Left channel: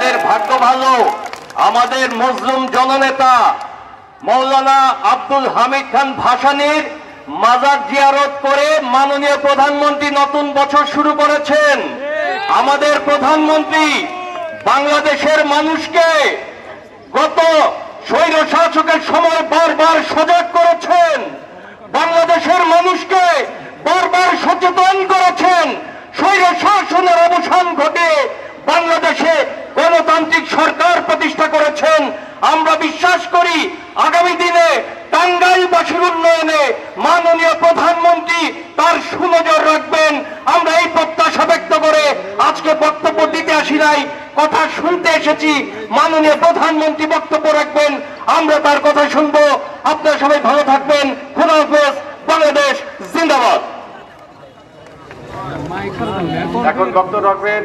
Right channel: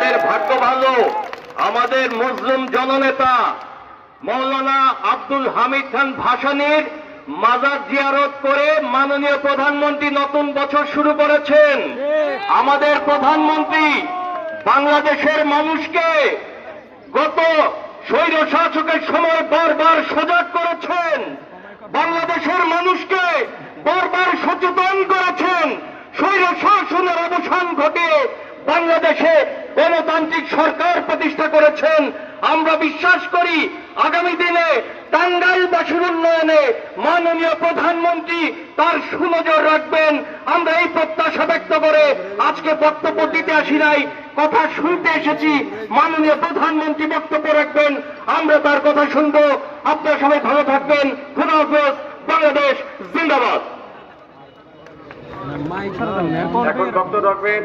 আমাদের ভাগ্য ভালো, আমাদের মুসলিম জননেতা মৌলানা আব্দুল হামিদ খান ভাসানীর মাজার জিয়ারত করে মাননীয় প্রধানমন্ত্রী নতুন বছর শুরু করেছেন। আমাদের প্রধানমন্ত্রী বাংলাদেশের মানুষকে গত স্বৈর শাসকের সময় বারবার সজাগ করেছেন, বাংলাদেশের মানুষকে বারবার সচেতন করেছেন, স্বৈর শাসনের অবসান ঘটে বাংলাদেশে গণতান্ত্রিক সরকার প্রতিষ্ঠা করেছেন। আমরা বিশ্বাস করি আগামী দিনে টাঙ্গাইলবাসীর উন্নয়নে মাননীয় প্রধানমন্ত্রী তার সুনজর রাখবেন। আমরা এই প্রত্যাশা ব্যক্ত করে আজকে বক্তব্য দিতে আসি নাই, কথা শুনতে এসেছি। মাননীয় প্রধানমন্ত্রী বক্তব্য রাখবেন, আমরা তার কথা শুনবো। আপনারা সবাই ভালো থাকবেন। খোদা হাফেজ। বাংলাদেশ জিন্দাবাদ। এখন বক্তব্য রাখবেন